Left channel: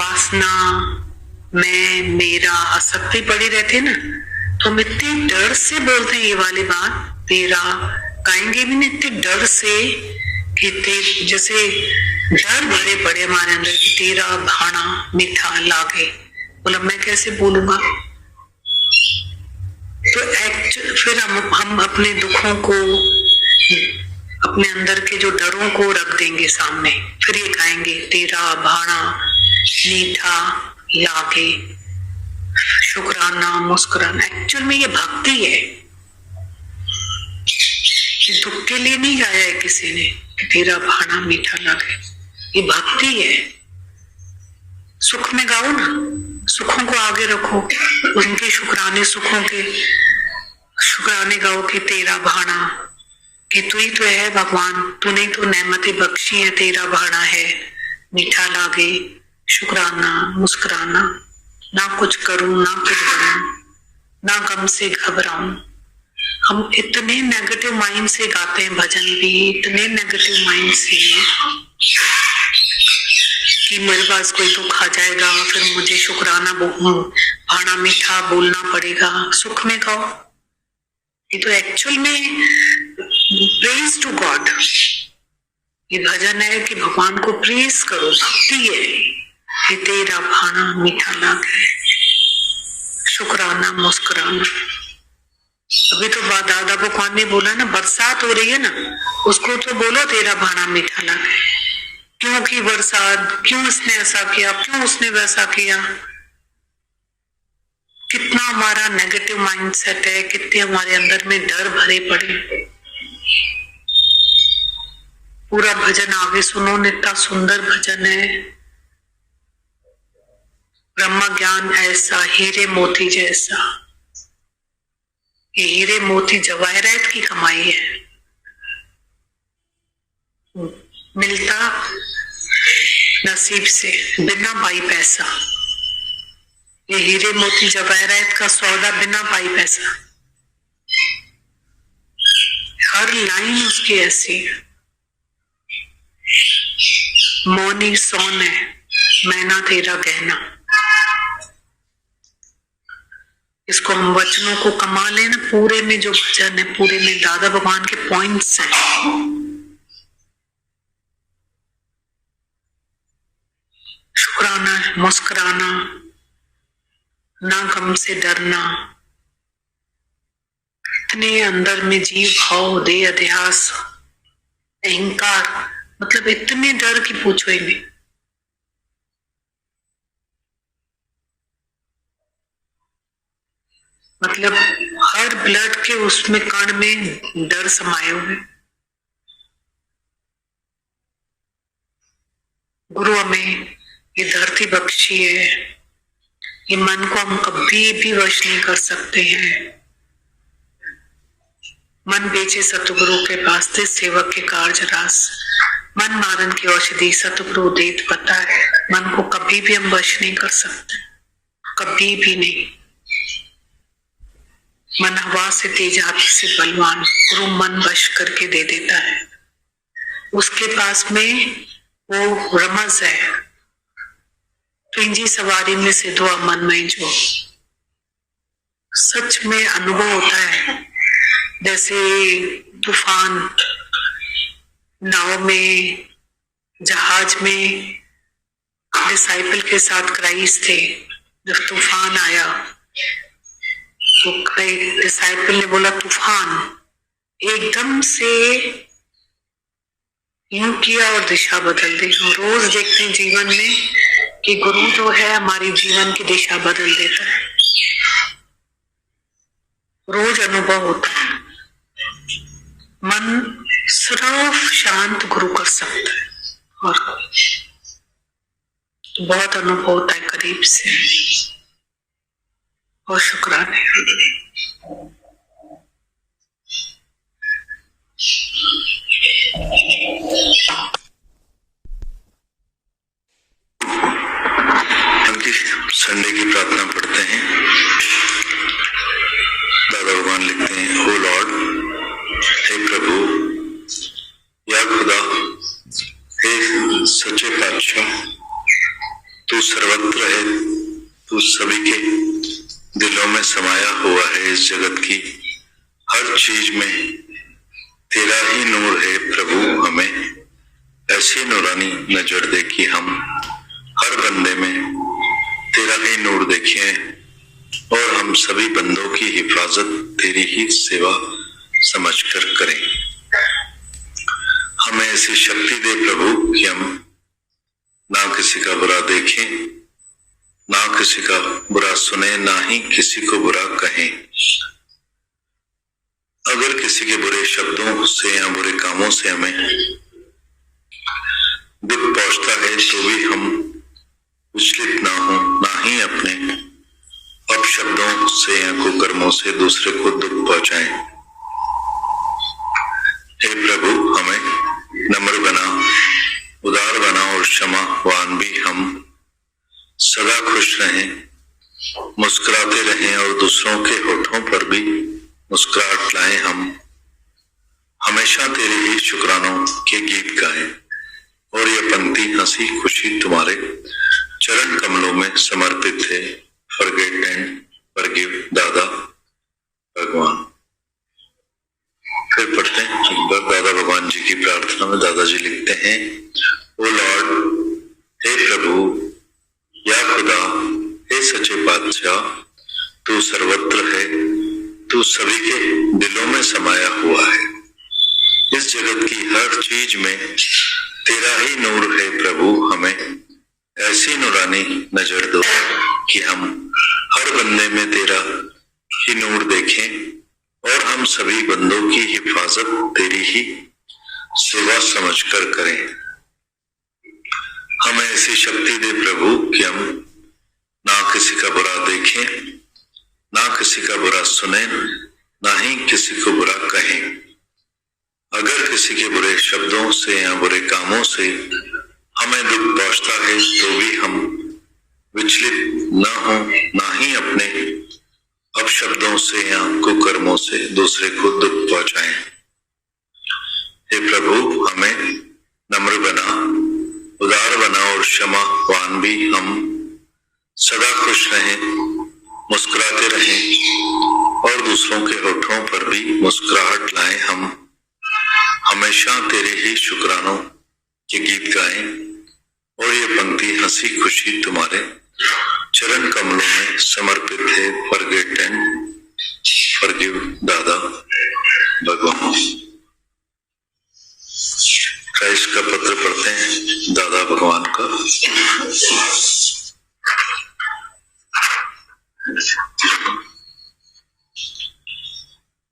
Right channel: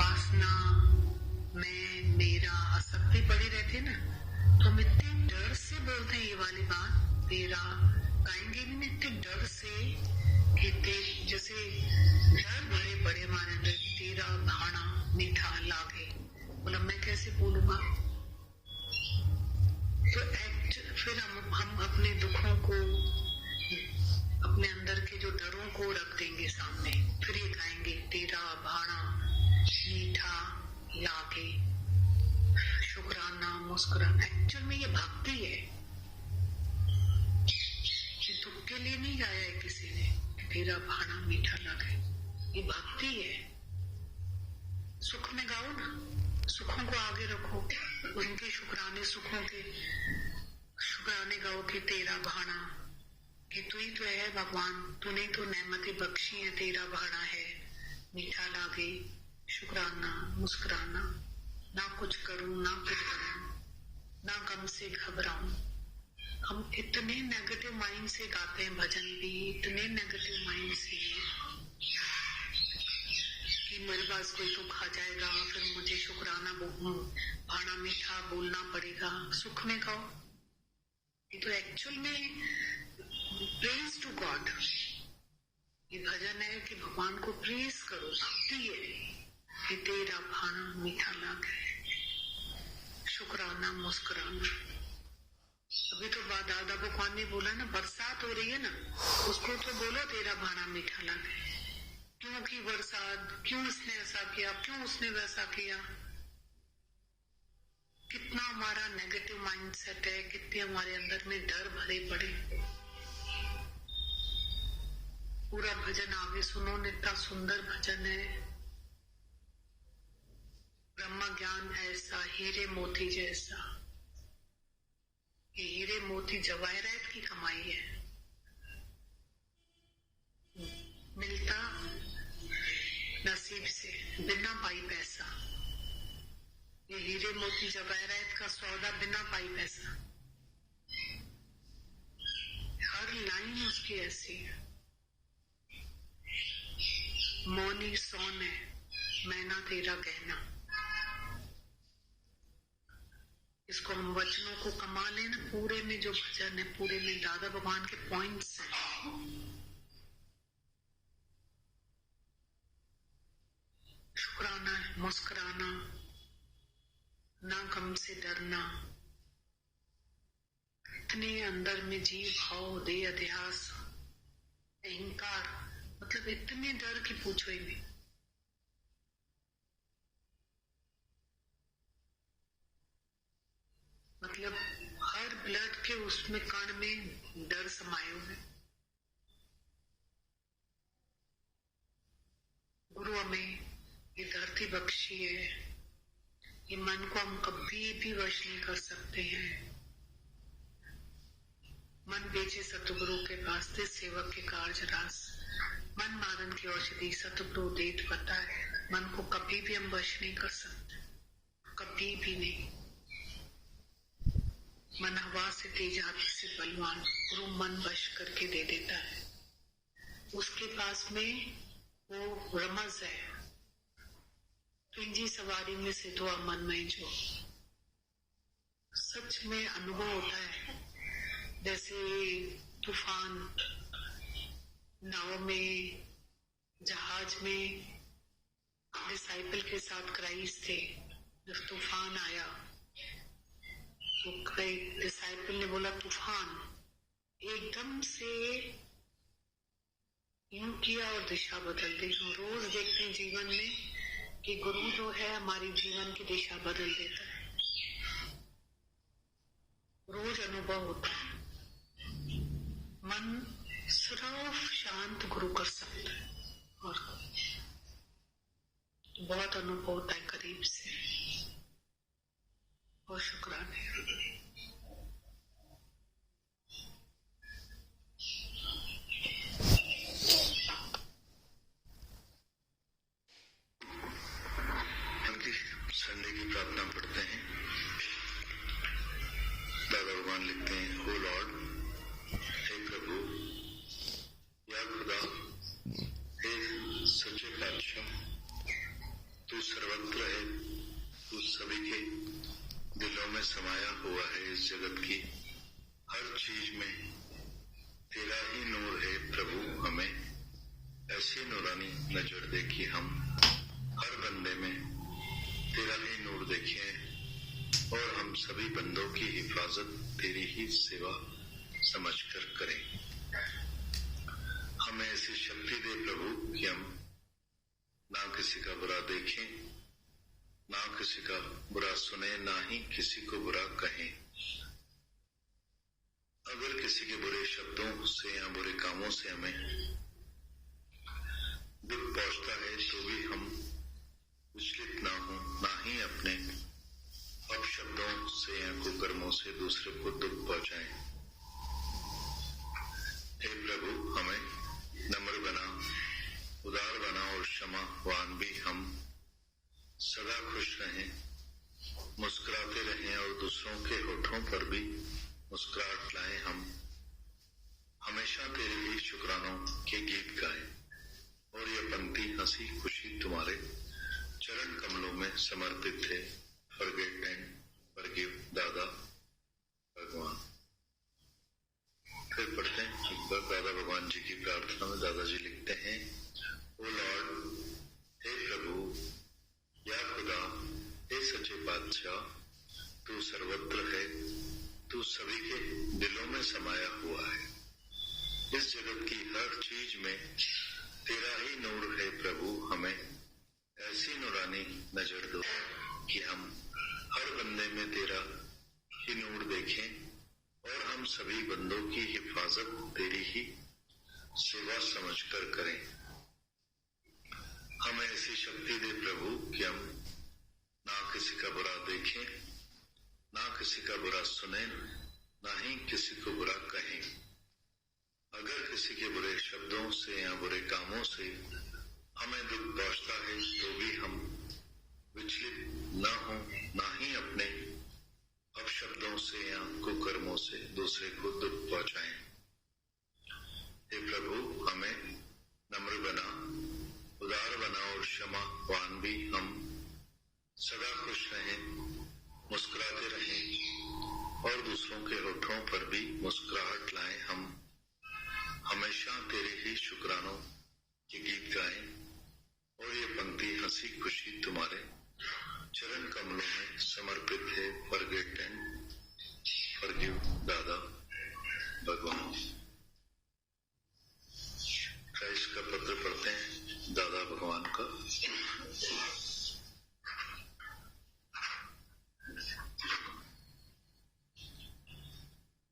वासना, मैं, मेरा, आसक्ति पड़ी रहती है ना, तो हम इतने डर से बोलते हैं ये वाली बात, तेरा गाएंगे भी नहीं इतने डर से कि जैसे डर भरे पड़े हमारे अंदर कि तेरा भाना मीठा लागे, बोला मैं कैसे बोलूंगा। तो फिर हम अपने दुखों को, अपने अंदर के जो डरों को रख देंगे सामने, फिर ये गाएंगे तेरा भाना मीठा लागे, शुक्राना मुस्कुराना। एक्चुअल में ये भक्ति है, दुख के लिए नहीं गाया है किसी ने कि तेरा भाना मीठा लागे, ये भक्ति है। सुख में गाओ ना, सुखों को आगे रखो, उनके शुक्राने, सुखों के शुक्राने गाओ कि तेरा भाना, कि तू ही तो है भगवान, तूने तो नेमतें बख्शी है, तेरा भाना है मीठा लागे, शुक्राना मुस्कुराना, ना कुछ करूं ना कुछ बनूं, ना गम से घबराऊं। हम इतने नेगेटिव माइंड से गाते हैं भजन भी, इतने नेगेटिव माइंड से कि मेरे पास कोई दुख आ जाएगा फिर मुझे शुक्राना भाना मीठा बोलना पड़ेगा। सुख में गाओ, ये तो एक्चुअल में प्रेज टू गॉड, ये भजन है कि भगवान को प्रेज करो, भक्ति है कि तेरा भाना मीठा लागे, शुक्राना मुस्कुराना। अभी तो दादा भगवान ने बोला ना, बरसात हो रही है ना, उसको तो बोलो तेरा भाना मीठा लागे। क्यों की बरसात, क्यों इसने ऐसा किया, क्यों उसने वैसा किया। कितना हमारा नेगेटिव माइंडसेट है, कितने हमारे अंदर में डर भरे पड़े। पूरा भजन आगे सुनो, इतना सुंदर भजन है। ब्रह्म ज्ञान ऐसा हीरे मोती जैसा, ये हीरे मोती जवाहरात की कमाई है, मिलता नसीब से बिना पाई पैसा। ये हीरे मोती जवाहरात का सौदा बिना पाई पैसा। हर लाइन उसकी ऐसी है, मौनी सोन है मैना तेरा गहना। इसको हम वचनों को कमा लेना, पूरे में जो भजन है, पूरे में दादा भगवान के पॉइंट्स हैं। शुक्राना मुस्कुराना, ना गम से डरना, इतने अंदर में जीव भाव, देह अध्यास, अहंकार, मतलब इतने डर की पूछो ही नहीं। मतलब हर ब्लड के उसमें कण में डर समाये हुए। गुरु हमें ये धरती बख्शी है, ये मन को हम कभी भी वश नहीं कर सकते हैं। मन बेचे सतगुरु के वास्ते सेवक के कार्य रास, मन मारन की औषधि सतगुरु देत पता है। मन को कभी भी हम वश नहीं कर सकते, कभी भी नहीं। मन हवा से तेज, हाथी से बलवान, गुरु मन वश करके दे देता है। उसके पास में वो रमज है, पिंजी सवारी में से दुआ मन में जो सच में अनुभव होता है। जैसे तूफान, नाव में, जहाज में डिसाइपल के साथ क्राइस्ट थे। जब तूफान आया तो डिसाइपल ने बोला तूफान, एकदम से यूं किया और दिशा बदल दी। हम रोज देखते हैं जीवन में कि गुरु जो है हमारी जीवन की दिशा बदल देता है, रोज अनुभव होता है। मन सिर्फ शांत गुरु कर सकता है, और बहुत अनुभव होता है करीब से। और शुक्राने। संडे की प्रार्थना पढ़ते हैं। दादा भगवान लिखते हैं, ओ लॉर्ड, हे प्रभु, या खुदा, हे सच्चे पातशाह, तू सर्वत्र है, तू सभी के दिलों में समाया हुआ है। इस जगत की हर चीज में तेरा ही नूर है प्रभु। हमें ऐसी नूरानी नजर दे कि हम हर बंदे में तेरा ही नूर देखें और हम सभी बंदों की हिफाजत तेरी ही सेवा समझकर करें। हमें ऐसी शक्ति दे प्रभु कि हम ना किसी का बुरा देखें, ना किसी का बुरा सुने, ना ही किसी को बुरा कहें। अगर किसी के बुरे शब्दों से या बुरे कामों से हमें दुख पहुंचता है तो भी हम विचलित ना हो, ना ही अपने अपशब्दों से या कुकर्मों से दूसरे को दुख पहुंचाएं। हे प्रभु, हमें नम्र बना, उदार बना और क्षमावान भी हम सदा खुश रहें, मुस्कुराते रहें और दूसरों के होठों पर भी मुस्कुराहट लाएं। हम हमेशा तेरे ही शुक्रानों के गीत गाएं और ये पंक्ति हंसी खुशी तुम्हारे चरण कमलों में समर्पित है। फॉरगेट एंड फॉरगिव दादा भगवान। फिर पढ़ते हैं एक बार दादा भगवान जी की प्रार्थना में। दादाजी लिखते हैं, ओ लॉर्ड, हे प्रभु, या खुदा, हे सच्चे बादशाह, तू सर्वत्र है, तू सभी के दिलों में समाया हुआ है। इस जगत की हर चीज में तेरा ही नूर है प्रभु। हमें ऐसी नूरानी नजर दो कि हम हर बंदे में तेरा ही नूर देखें और हम सभी बंदों की हिफाजत तेरी ही सेवा समझकर करें। हमें ऐसी शक्ति दे प्रभु कि हम ना किसी का बुरा देखें, ना किसी का बुरा सुने, ना ही किसी को बुरा कहें। अगर किसी के बुरे शब्दों से या बुरे कामों से हमें दुख पहुंचता है तो भी हम विचलित न हो, ना ही अपने अपशब्दों से या कुकर्मों से दूसरे को दुख पहुंचाएं। हे प्रभु, हमें नम्र बना, उदार बना और क्षमावान भी हम सदा खुश रहें, मुस्कुराते रहें और दूसरों के होठों पर भी मुस्कुराहट लाएं। हम हमेशा तेरे ही शुक्रानों के गीत गाएं और ये पंक्ति हंसी खुशी तुम्हारे चरण कमलों में समर्पित है। फॉरगेट एंड फॉरगिव दादा भगवान। क्राइस्ट का पत्र पढ़ते हैं दादा भगवान का।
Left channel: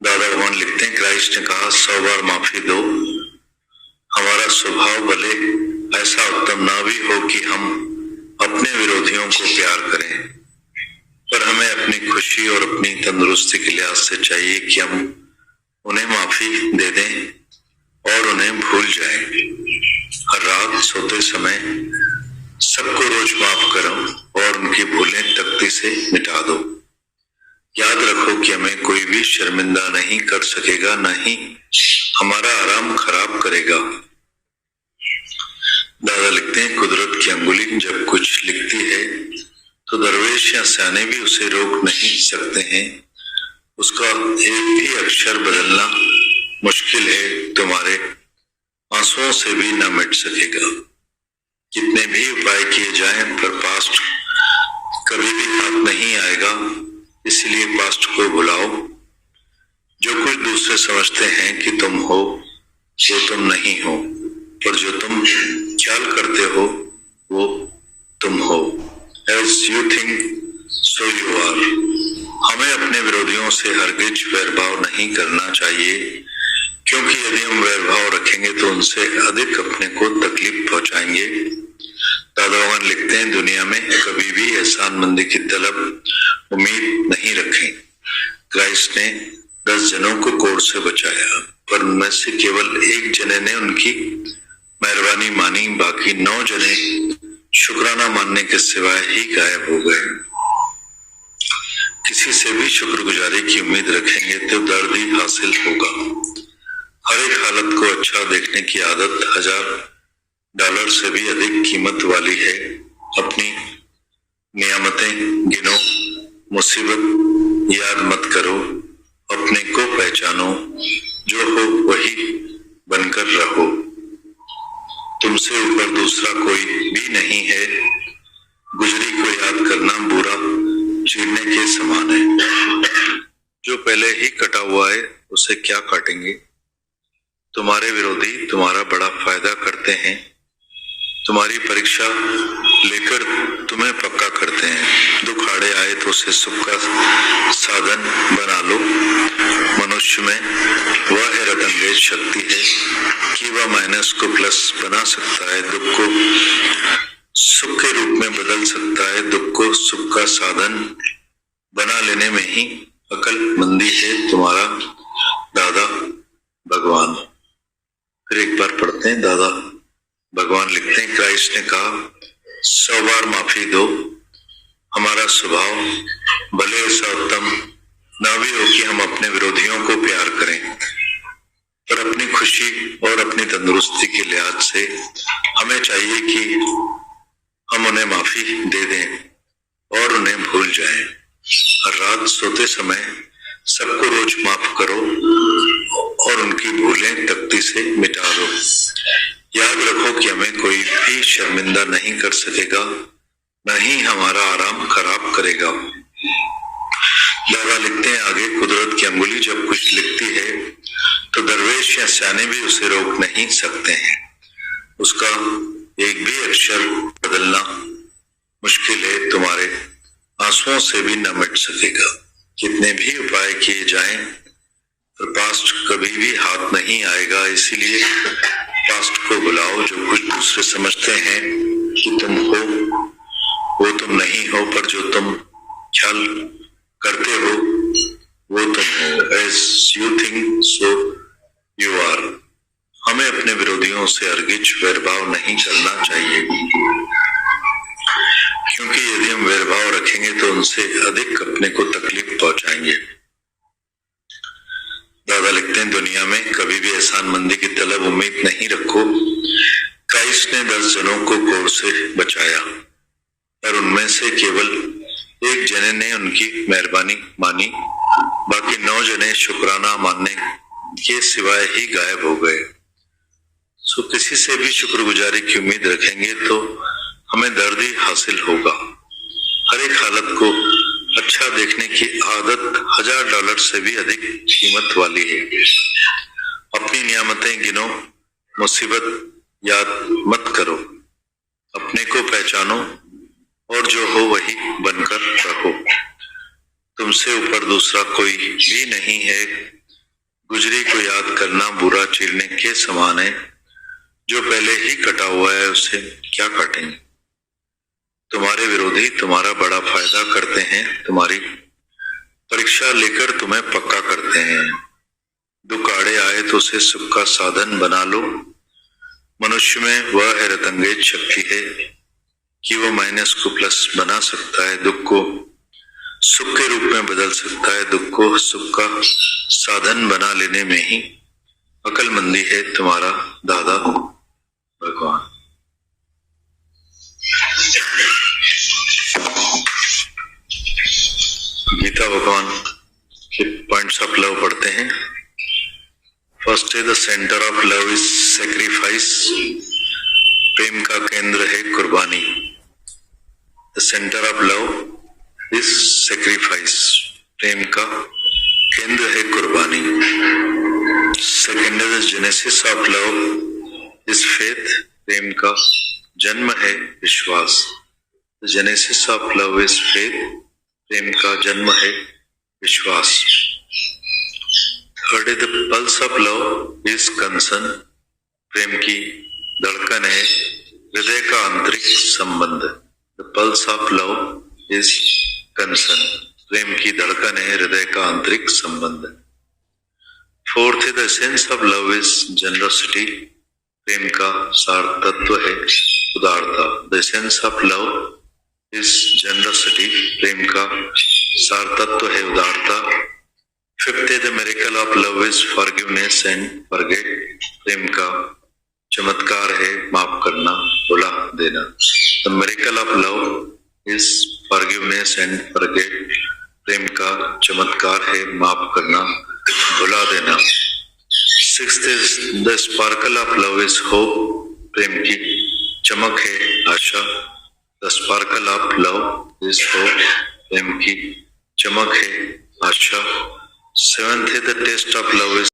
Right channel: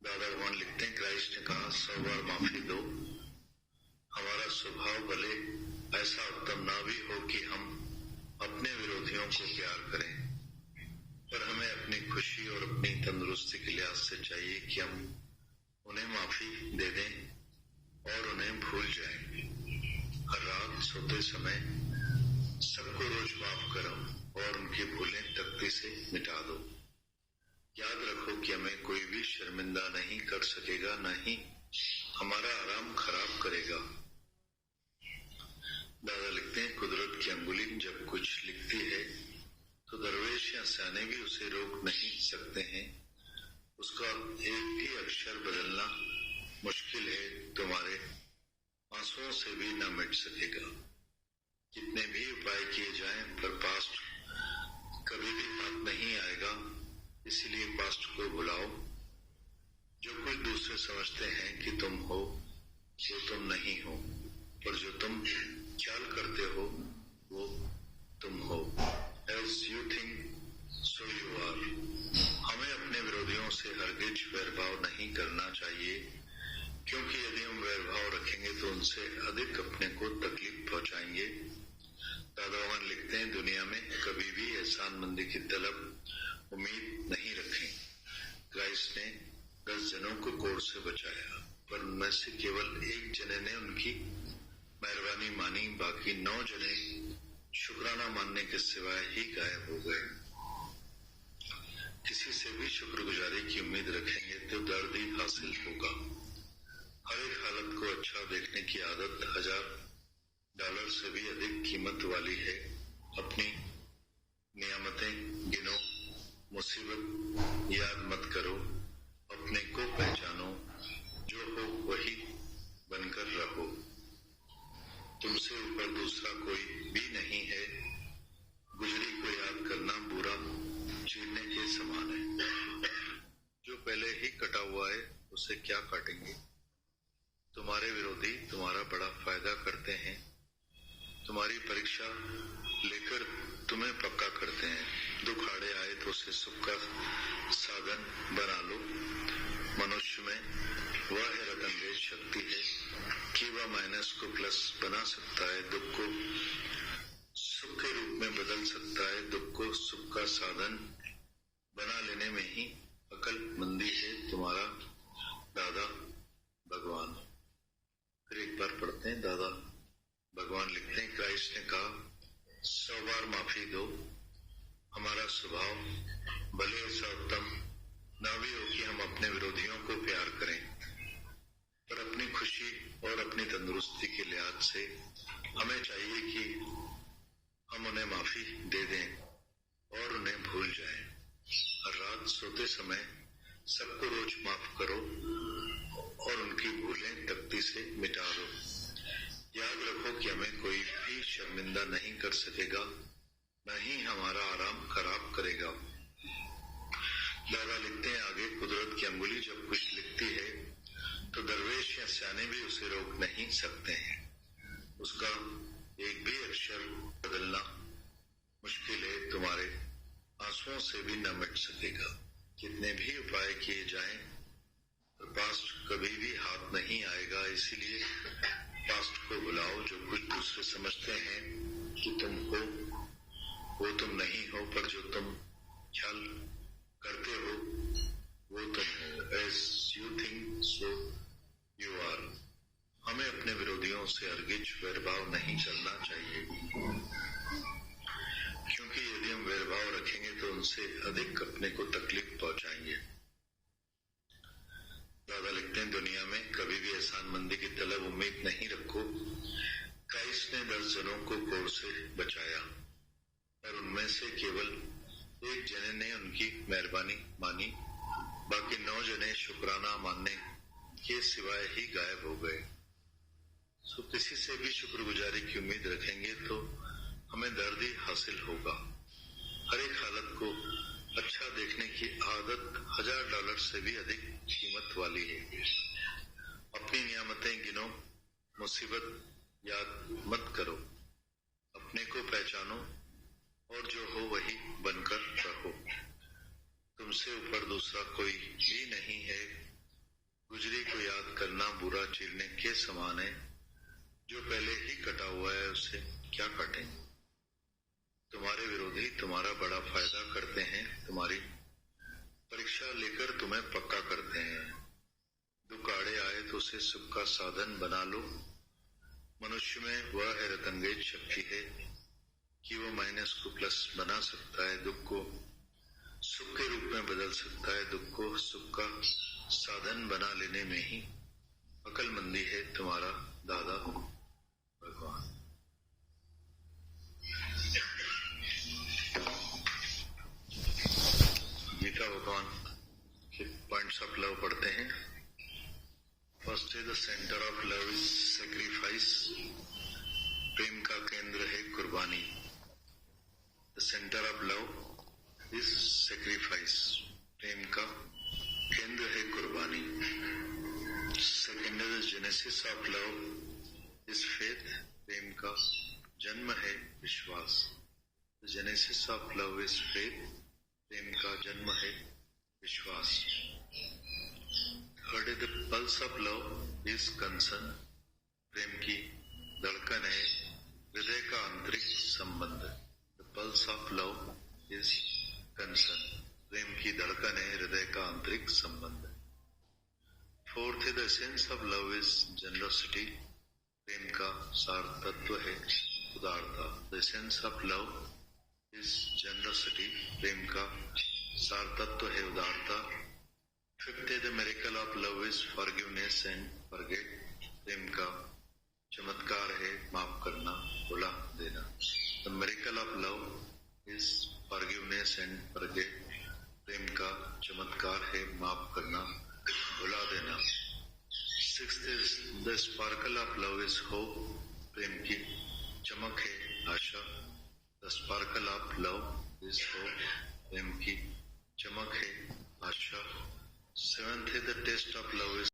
दादा भगवान लिखते हैं, क्राइस्ट ने कहा, 100 बार माफी दो। हमारा स्वभाव भले ऐसा उत्तम ना भी हो कि हम अपने विरोधियों को प्यार करें, पर हमें अपनी खुशी और अपनी तंदुरुस्ती के लिहाज से चाहिए कि हम उन्हें माफी दे दें और उन्हें भूल जाएं। हर रात सोते समय सबको रोज माफ करो और उनकी भूलें तख्ती से मिटा दो। याद रखो कि हमें कोई भी शर्मिंदा नहीं कर सकेगा, न ही हमारा आराम खराब करेगा। दादा लिखते हैं, कुदरत की अंगुली जब कुछ लिखती है तो दरवेश या सयाने भी उसे रोक नहीं सकते हैं। उसका एक भी अक्षर बदलना मुश्किल है, तुम्हारे आंसुओं से भी न मिट सकेगा। कितने भी उपाय किए जाएं पर पास्ट कभी भी हाथ नहीं आएगा। इसलिए पास्ट को भुलाओ। जो कुछ दूसरे समझते हैं कि तुम हो वो तुम नहीं हो, पर जो तुम ख्याल करते हो वो तुम हो। As you think, so you are। हमें अपने विरोधियों से हरगिज वैरभाव नहीं करना चाहिए, क्योंकि यदि हम वैरभाव रखेंगे तो उनसे अधिक अपने को तकलीफ पहुंचाएंगे। दादा भगवान लिखते हैं, दुनिया में कभी भी एहसानमंदी की तलब उम्मीद नहीं रखें। क्राइस्ट ने 10 जनों को कोढ़ से बचाया, पर उनमें से केवल एक जने ने उनकी मेहरबानी मानी, बाकी 9 जने शुक्राना मानने के सिवाय ही गायब हो गए। किसी से भी शुक्रगुजारी की उम्मीद रखेंगे तो दर्द ही हासिल होगा। हर एक हालत को अच्छा देखने की आदत $1000 से भी अधिक कीमत वाली है। अपनी मुसीबत याद मत करो, अपने को पहचानो, जो हो वही बनकर रहो। तुमसे ऊपर दूसरा कोई भी नहीं है, गुजरी को याद करना बुरा चीरने के समान है। जो पहले ही कटा हुआ है उसे क्या काटेंगे। तुम्हारे विरोधी तुम्हारा बड़ा फायदा करते हैं, तुम्हारी परीक्षा लेकर तुम्हें पक्का करते हैं। दुख आड़े आए तो उसे सुख का साधन बना लो। मनुष्य में वह हैरत अंगेज शक्ति है कि वह माइनस को प्लस बना सकता है, दुख को सुख के रूप में बदल सकता है। दुख को सुख का साधन बना लेने में ही अक्लमंदी है तुम्हारा दादा भगवान। फिर एक बार पढ़ते हैं। दादा भगवान लिखते हैं, क्राइस्ट ने कहा 100 बार माफी दो। हमारा स्वभाव भले ऐसा उत्तम ना भी हो कि हम अपने विरोधियों को प्यार करें, पर अपनी खुशी और अपनी तंदुरुस्ती के लिहाज से हमें चाहिए कि हम उन्हें माफी दे दें और उन्हें भूल जाएं। हर रात सोते समय सबको रोज माफ करो और उनकी भूलें तख्ती से मिटा दो। याद रखो कि हमें कोई भी शर्मिंदा नहीं कर सकेगा, न ही हमारा आराम खराब करेगा। दादा लिखते हैं आगे, कुदरत की अंगुली जब कुछ लिखती है तो दरवेश या सयाने भी उसे रोक नहीं सकते हैं। उसका एक भी अक्षर बदलना मुश्किल है, तुम्हारे आंसुओं से भी न मिट सकेगा। कितने भी उपाय किए जाएं, पर पास्ट कभी भी हाथ नहीं आएगा। इसीलिए पास्ट को बुलाओ। जो कुछ दूसरे समझते हैं कि तुम हो वो तुम नहीं हो, पर जो तुम ख्याल करते हो वो तुम हो। As you think so you are। हमें अपने विरोधियों से अर्गिज वैरभाव नहीं करना चाहिए, क्योंकि यदि हम वैरभाव रखेंगे तो उनसे अधिक अपने को तकलीफ पहुंचाएंगे। दादा लिखते हैं, दुनिया में कभी भी एहसानमंदी की तलब उम्मीद नहीं रखो। क्राइस्ट ने 10 जनों को कोढ़ से बचाया, पर उनमें से केवल एक जने ने उनकी मेहरबानी मानी, बाकी 9 जने शुक्राना मानने के सिवाय ही गायब हो गए। सो किसी से भी शुक्रगुजारी की उम्मीद रखेंगे तो हमें दर्द ही हासिल होगा। हर एक हालत को अच्छा देखने की आदत $1000 से भी अधिक कीमत वाली है। अपनी नियामतें गिनो, मुसीबत याद मत करो, अपने को पहचानो और जो हो वही बनकर रहो। तुमसे ऊपर दूसरा कोई भी नहीं है, गुजरी को याद करना बुरा चीरने के समान है। जो पहले ही कटा हुआ है उसे क्या काटेंगे। तुम्हारे विरोधी तुम्हारा बड़ा फायदा करते हैं, तुम्हारी परीक्षा लेकर तुम्हें पक्का करते हैं। दुख आड़े आए तो उसे सुख का साधन बना लो। मनुष्य में वह हैरत अंगेज शक्ति है कि वह माइनस को प्लस बना सकता है, दुख को सुख के रूप में बदल सकता है। दुख को सुख का साधन बना लेने में ही अक्लमंदी है तुम्हारा दादा भगवान। गीता भगवान के पॉइंट्स ऑफ लव पढ़ते हैं। फर्स्ट है, the centre of love is sacrifice. प्रेम का केंद्र है कुर्बानी। The centre of love is sacrifice. प्रेम का केंद्र है कुर्बानी। सेकेंड है, the genesis of love is faith. प्रेम का जन्म है विश्वास। The genesis of love is faith. प्रेम का जन्म है विश्वास। थर्ड है, the pulse of love is concern. प्रेम की धड़कन है हृदय का आंतरिक संबंध। The pulse of love is concern. प्रेम की धड़कन है हृदय का आंतरिक संबंध। फोर्थ है, the essence of love is generosity. प्रेम का सार तत्व है उदारता। The essence of love is generosity. प्रेम का सार तत्व है उदारता। फिफ्थ है, the miracle of love is forgiveness and forget. प्रेम का चमत्कार है माफ करना, भुला देना। The miracle of love is forgiveness and forget. प्रेम का चमत्कार है माफ करना, भुला देना। 6th is the sparkle of love is hope, प्रेम की चमक है आशा। The sparkle of love is hope, प्रेम की चमक है आशा। 7th है the taste of love is